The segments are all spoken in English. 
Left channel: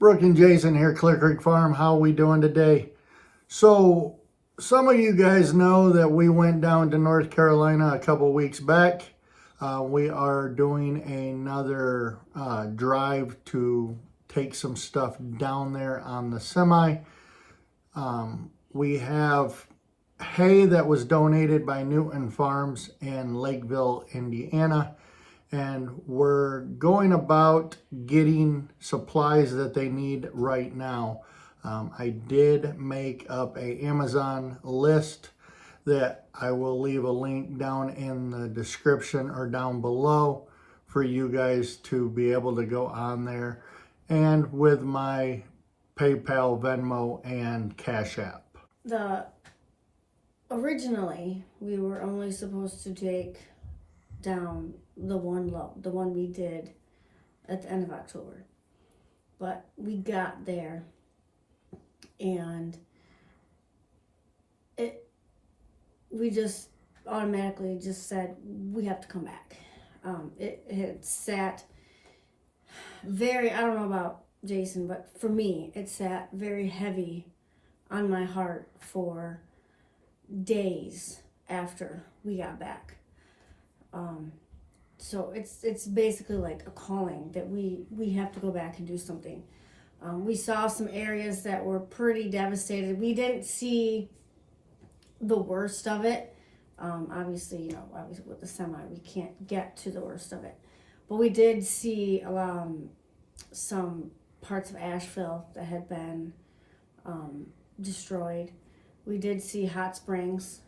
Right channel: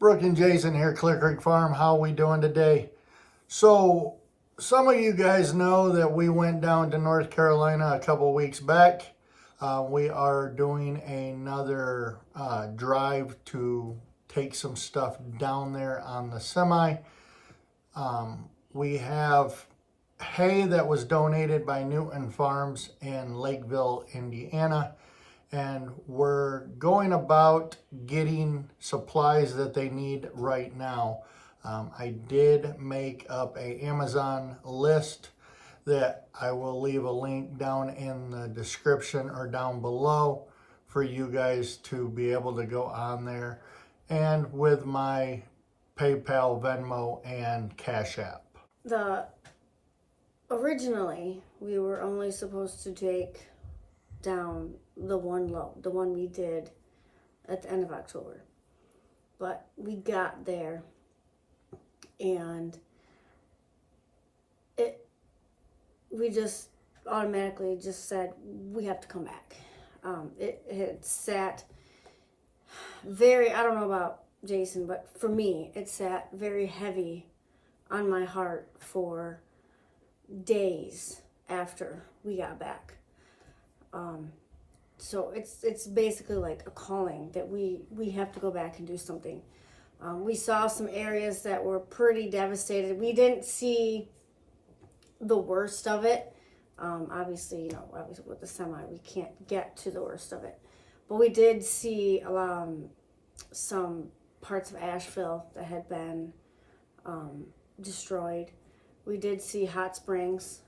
Brooke and Jason here, Clear Creek Farm. How we doing today? So, some of you guys know that we went down to North Carolina a couple weeks back. We are doing another drive to take some stuff down there on the semi. We have hay that was donated by Newton Farms in Lakeville, Indiana. And we're going about getting supplies that they need right now. I did make up a Amazon list that I will leave a link down in the description or down below for you guys to be able to go on there, and with my PayPal, Venmo, and Cash App. Originally, we were only supposed to take down the one load, the one we did at the end of October. But we got there and we just automatically just said we have to come back. It had sat very, I don't know about Jason, but for me, it sat very heavy on my heart for days after we got back. So it's basically like a calling that we have to go back and do something. We saw some areas that were pretty devastated. We didn't see the worst of it. Obviously with the semi, we can't get to the worst of it. But we did see some parts of Asheville that had been destroyed. We did see Hot Springs,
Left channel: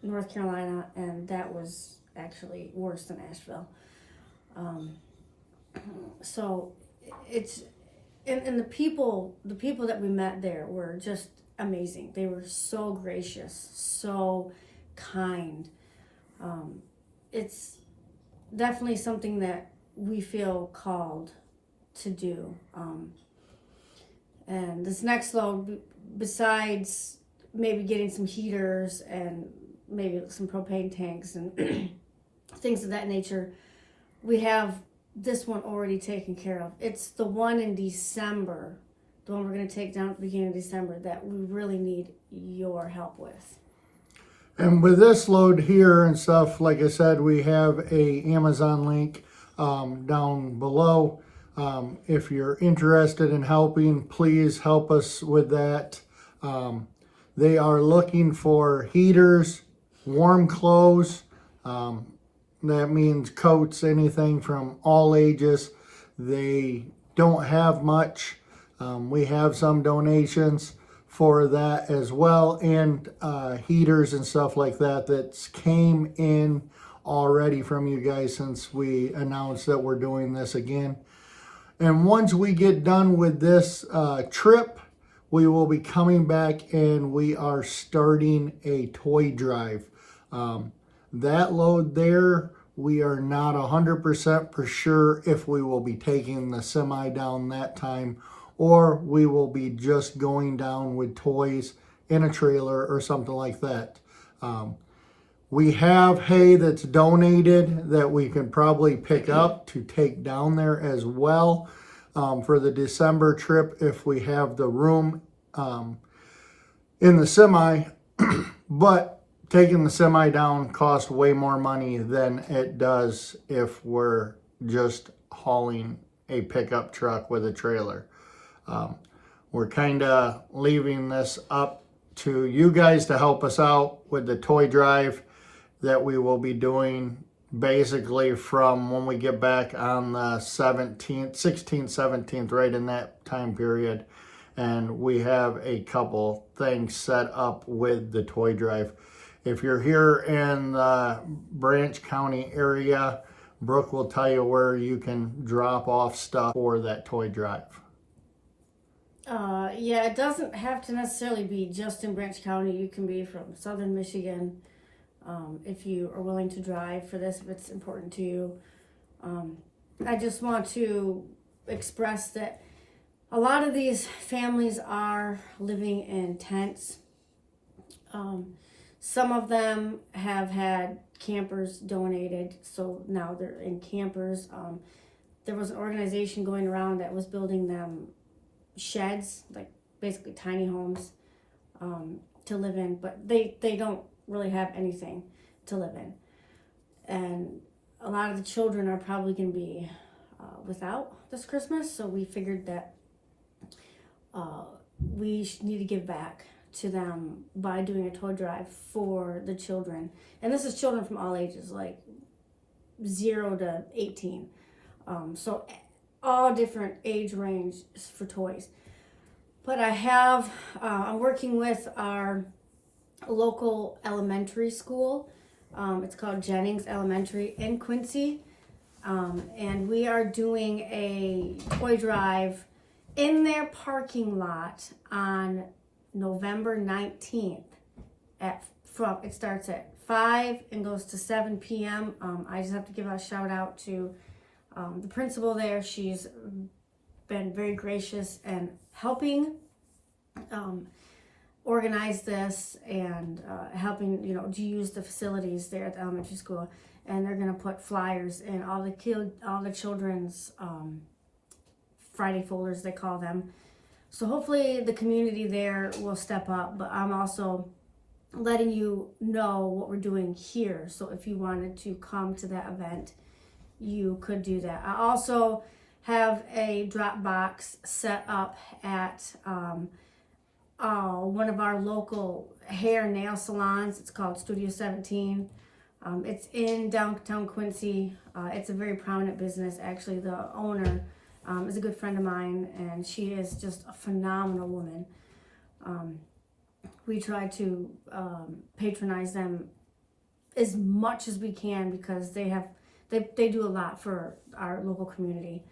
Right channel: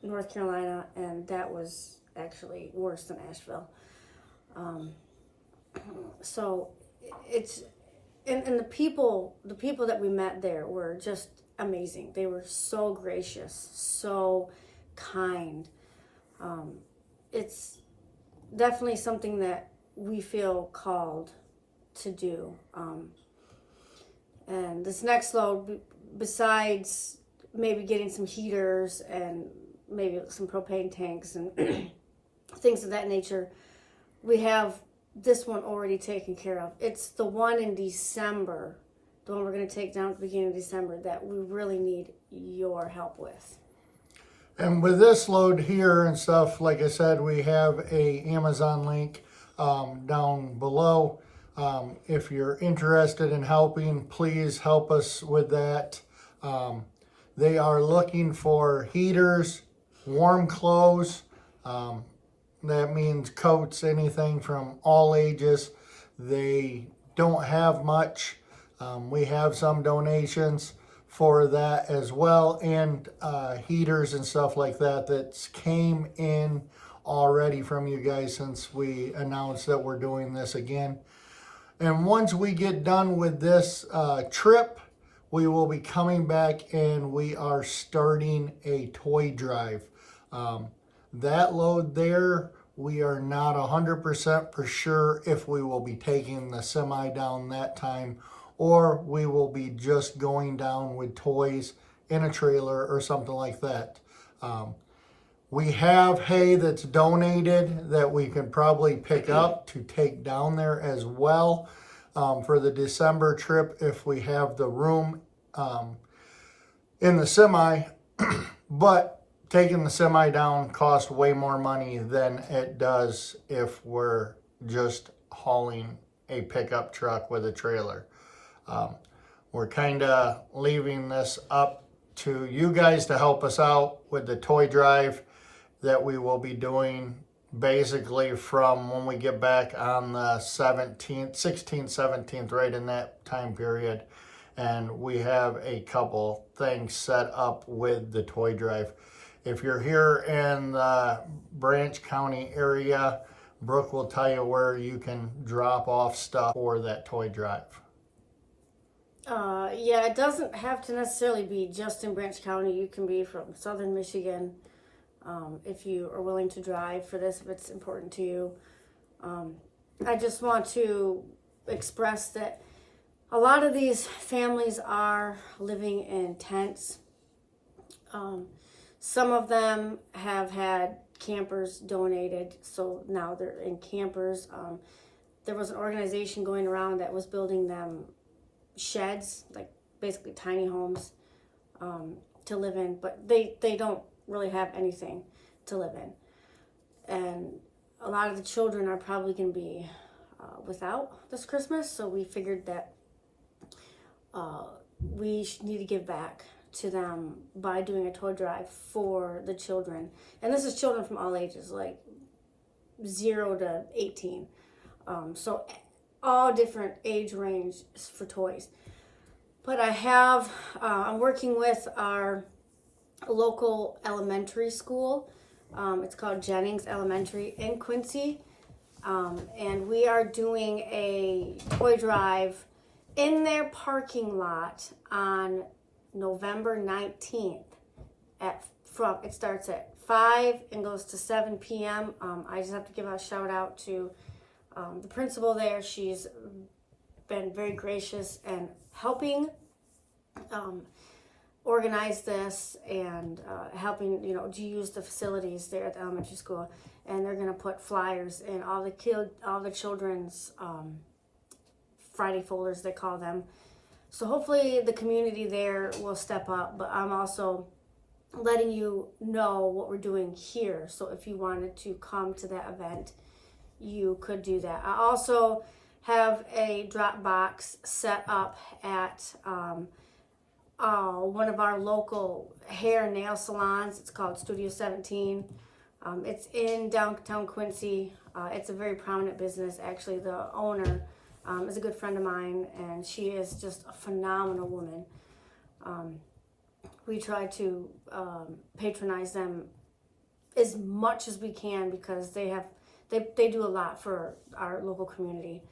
North Carolina, and that was actually worse than Asheville. So it's and the people that we met there were just amazing. They were so gracious, so kind. It's definitely something that we feel called to do. And this next load, besides maybe getting some heaters and maybe some propane tanks and things of that nature, we have this one already taken care of. It's the one in December, the one we're going to take down at the beginning of December, that we really need your help with. And with this load here and stuff, like I said, we have a Amazon link down below. If you're interested in helping, please help us with that. They are looking for heaters, warm clothes. That means coats, anything from all ages. They don't have much. We have some donations for that as well, and heaters and stuff like that came in already from you guys since we announced that we're doing this again. And once we get done with this trip, we will be coming back and we are starting a toy drive. That load there, we are not 100% for sure if we will be taking the semi down that time, or we will be just going down with toys in a trailer or something like that. We have hay that's donated that we can probably pick up to take down there as well for the December trip if we have the room in the semi. But taking the semi down costs way more money than it does if we're just hauling a pickup truck with a trailer. We're kind of leaving this up to you guys to help us out with the toy drive that we will be doing basically from when we get back on the 17th, 16th, 17th, right in that time period. And we have a couple things set up with the toy drive. If you're here in the Branch County area, Brooke will tell you where you can drop off stuff for that toy drive. Yeah, it doesn't have to necessarily be just in Branch County. You can be from southern Michigan if you are willing to drive for this, if it's important to you. I just want to express that a lot of these families are living in tents. Some of them have had campers donated, so now they're in campers. there was an organization going around that was building them sheds, like basically tiny homes to live in, but they don't really have anything to live in. And a lot of the children are probably going to be without this Christmas, so we figured that we need to give back to them by doing a toy drive for the children. And this is children from all ages, like 0 to 18. So all different age range for toys. But I'm working with our local elementary school. It's called Jennings Elementary in Quincy. And we are doing a toy drive in their parking lot on November 19th. It starts at 5 and goes to 7 p.m. I just have to give a shout out to the principal there. She's been very gracious and helping organize this and helping, to use the facilities there at the elementary school. And they're going to put flyers in all the children's Friday folders, they call them. So hopefully the community there will step up, but I'm also letting you know what we're doing here. So if you wanted to come to that event, you could do that. I also have a drop box set up at one of our local hair and nail salons. It's called Studio 17. It's in downtown Quincy. It's a very prominent business. Actually, the owner is a good friend of mine, and she is just a phenomenal woman. We try to patronize them as much as we can because they do a lot for our local community.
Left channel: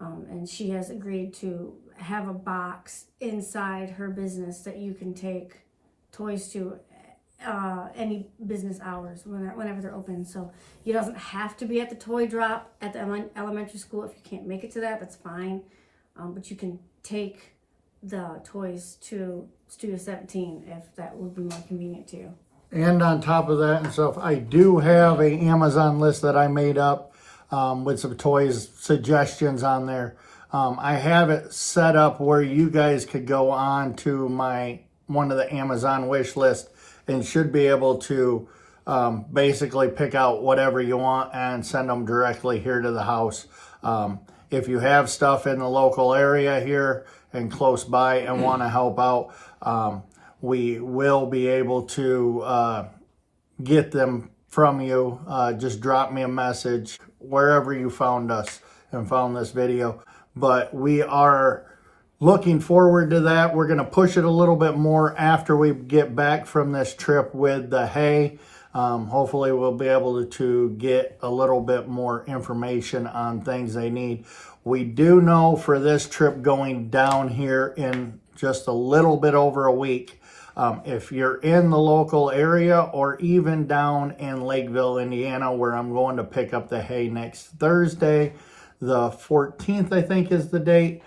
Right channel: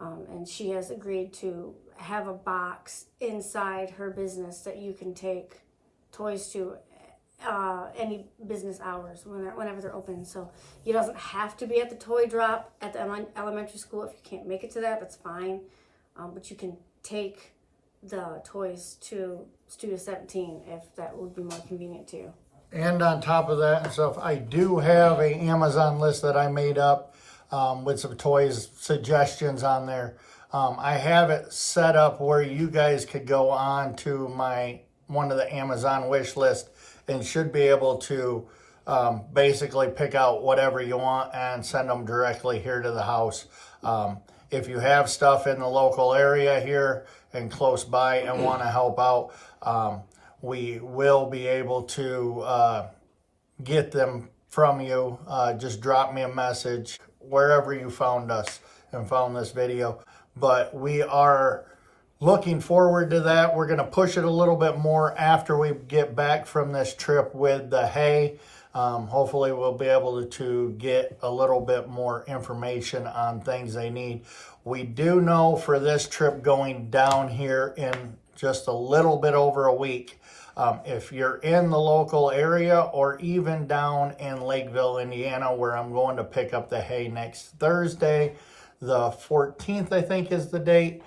And she has agreed to have a box inside her business that you can take toys to any business hours whenever they're open. So it doesn't have to be at the toy drop at the elementary school. If you can't make it to that, that's fine. But you can take the toys to Studio 17 if that would be more convenient to you. And on top of that and stuff, I do have a Amazon list that I made up with some toys suggestions on there. I have it set up where you guys could go on to one of the Amazon wish list and should be able to basically pick out whatever you want and send them directly here to the house. If you have stuff in the local area here and close by and want to help out, we will be able to get them from you. Just drop me a message wherever you found us and found this video. But we are looking forward to that. We're going to push it a little bit more after we get back from this trip with the hay. Hopefully we'll be able to get a little bit more information on things they need. We do know for this trip going down here in just a little bit over a week, if you're in the local area or even down in Lakeville, Indiana, where I'm going to pick up the hay next Thursday, the 14th, I think is the date.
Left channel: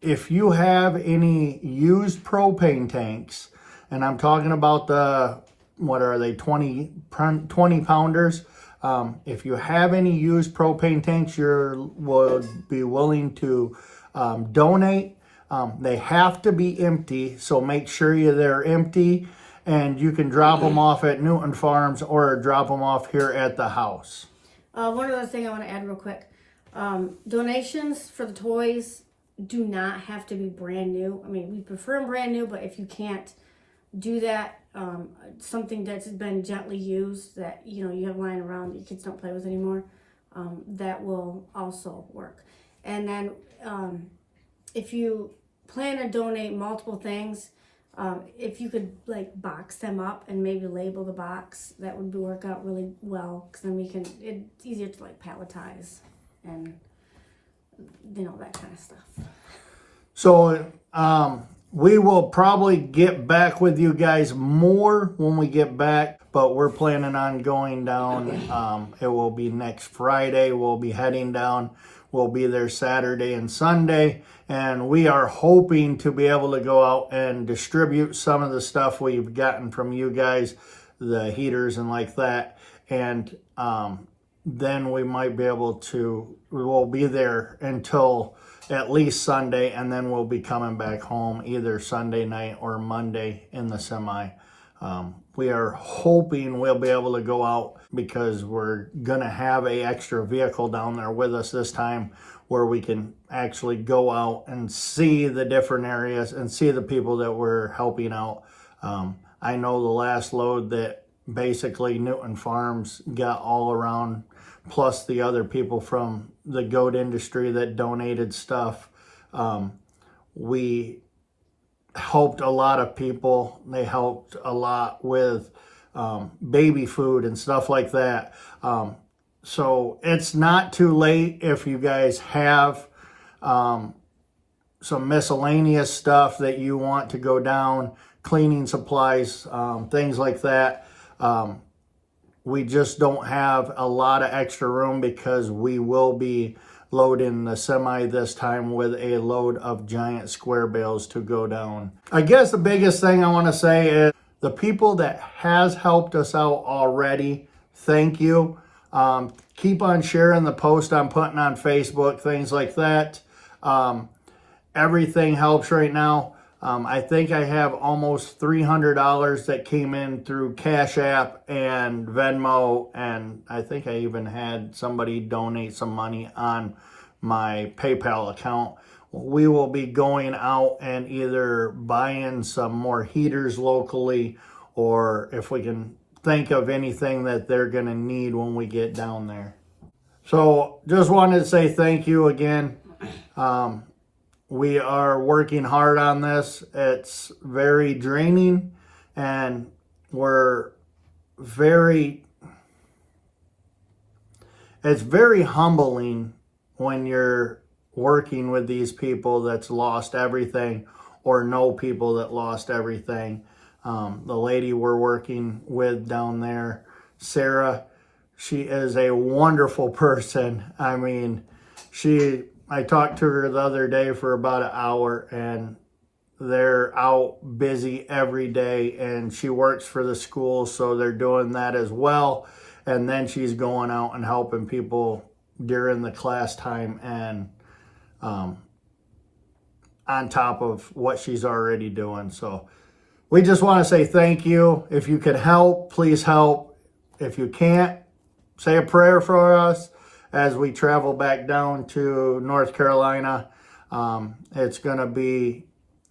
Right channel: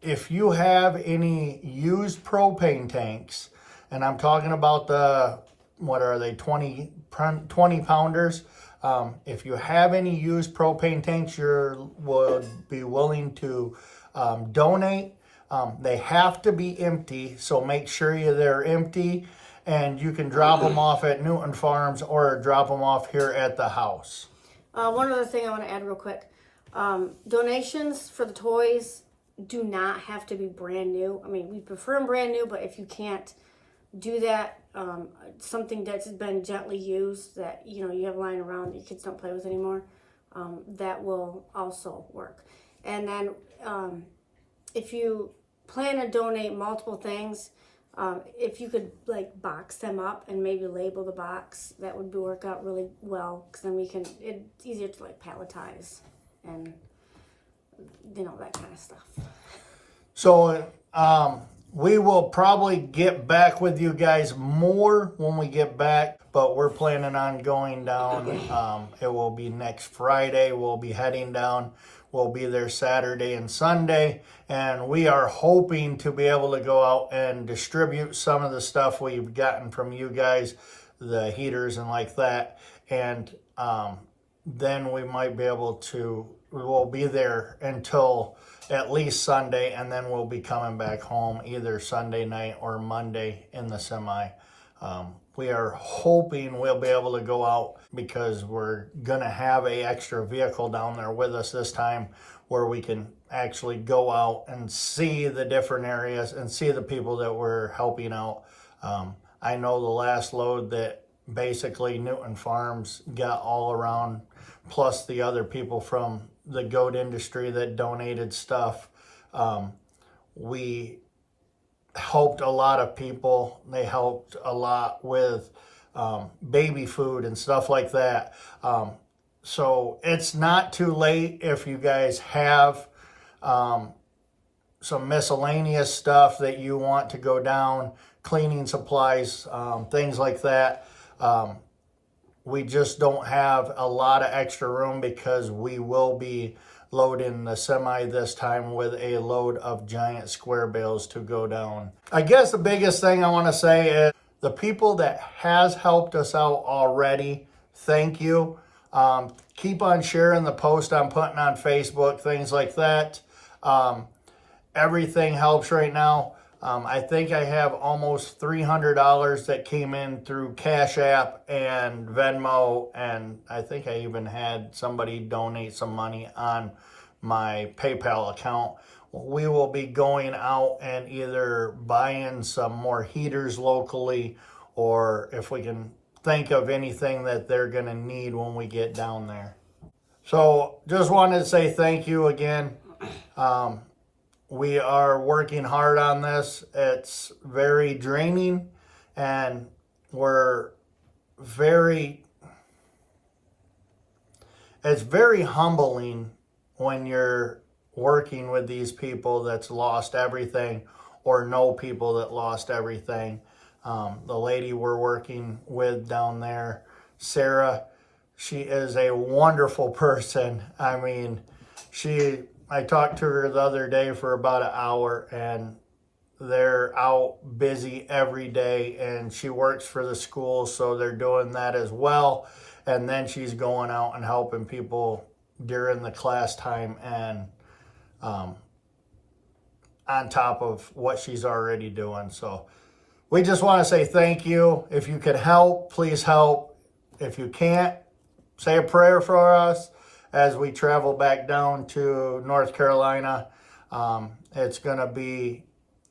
If you have any used propane tanks, and I'm talking about the, what are they, 20 pounders. If you have any used propane tanks you would be willing to donate, they have to be empty, so make sure they're empty, and you can drop them off at Newton Farms or drop them off here at the house. One other thing I want to add real quick. Donations for the toys do not have to be brand new. I mean, we prefer them brand new, but if you can't do that, something that's been gently used that, you have lying around that your kids don't play with anymore, that will also work. And then if you plan to donate multiple things, if you could box them up and maybe label the box, that would work out really well, because then it's easier to palletize and that kind of stuff. So we will probably get back with you guys more when we get back, but we're planning on going down. It will be next Friday. We'll be heading down. We'll be there Saturday and Sunday, and we are hoping to be able to go out and distribute some of the stuff we've gotten from you guys, the heaters and like that, and then we might be able to, we'll be there until at least Sunday, and then we'll be coming back home either Sunday night or Monday in the semi. We are hoping we'll be able to go out because we're going to have a extra vehicle down there with us this time where we can actually go out and see the different areas and see the people that we're helping out. I know the last load that basically Newton Farms got all around, plus the other people from the goat industry that donated stuff. We helped a lot of people. They helped a lot with baby food and stuff like that. So it's not too late if you guys have some miscellaneous stuff that you want to go down, cleaning supplies, things like that. We just don't have a lot of extra room because we will be loading the semi this time with a load of giant square bales to go down. I guess the biggest thing I want to say is the people that has helped us out already, thank you. Keep on sharing the post I'm putting on Facebook, things like that. Everything helps right now. I think I have almost $300 that came in through Cash App and Venmo, and I think I even had somebody donate some money on my PayPal account. We will be going out and either buying some more heaters locally, or if we can think of anything that they're going to need when we get down there. So just wanted to say thank you again. We are working hard on this. It's very draining, and it's very humbling when you're working with these people that's lost everything or know people that lost everything. The lady we're working with down there, Sarah, she is a wonderful person. I mean, I talked to her the other day for about an hour, and they're out busy every day, and she works for the school, so they're doing that as well. And then she's going out and helping people during the class time, and on top of what she's already doing. So we just want to say thank you. If you can help, please help. If you can't, say a prayer for us as we travel back down to North Carolina. It's going to be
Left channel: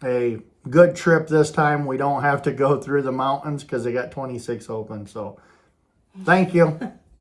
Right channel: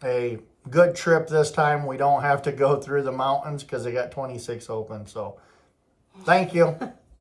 a good trip this time. We don't have to go through the mountains because they got 26 open. So thank you.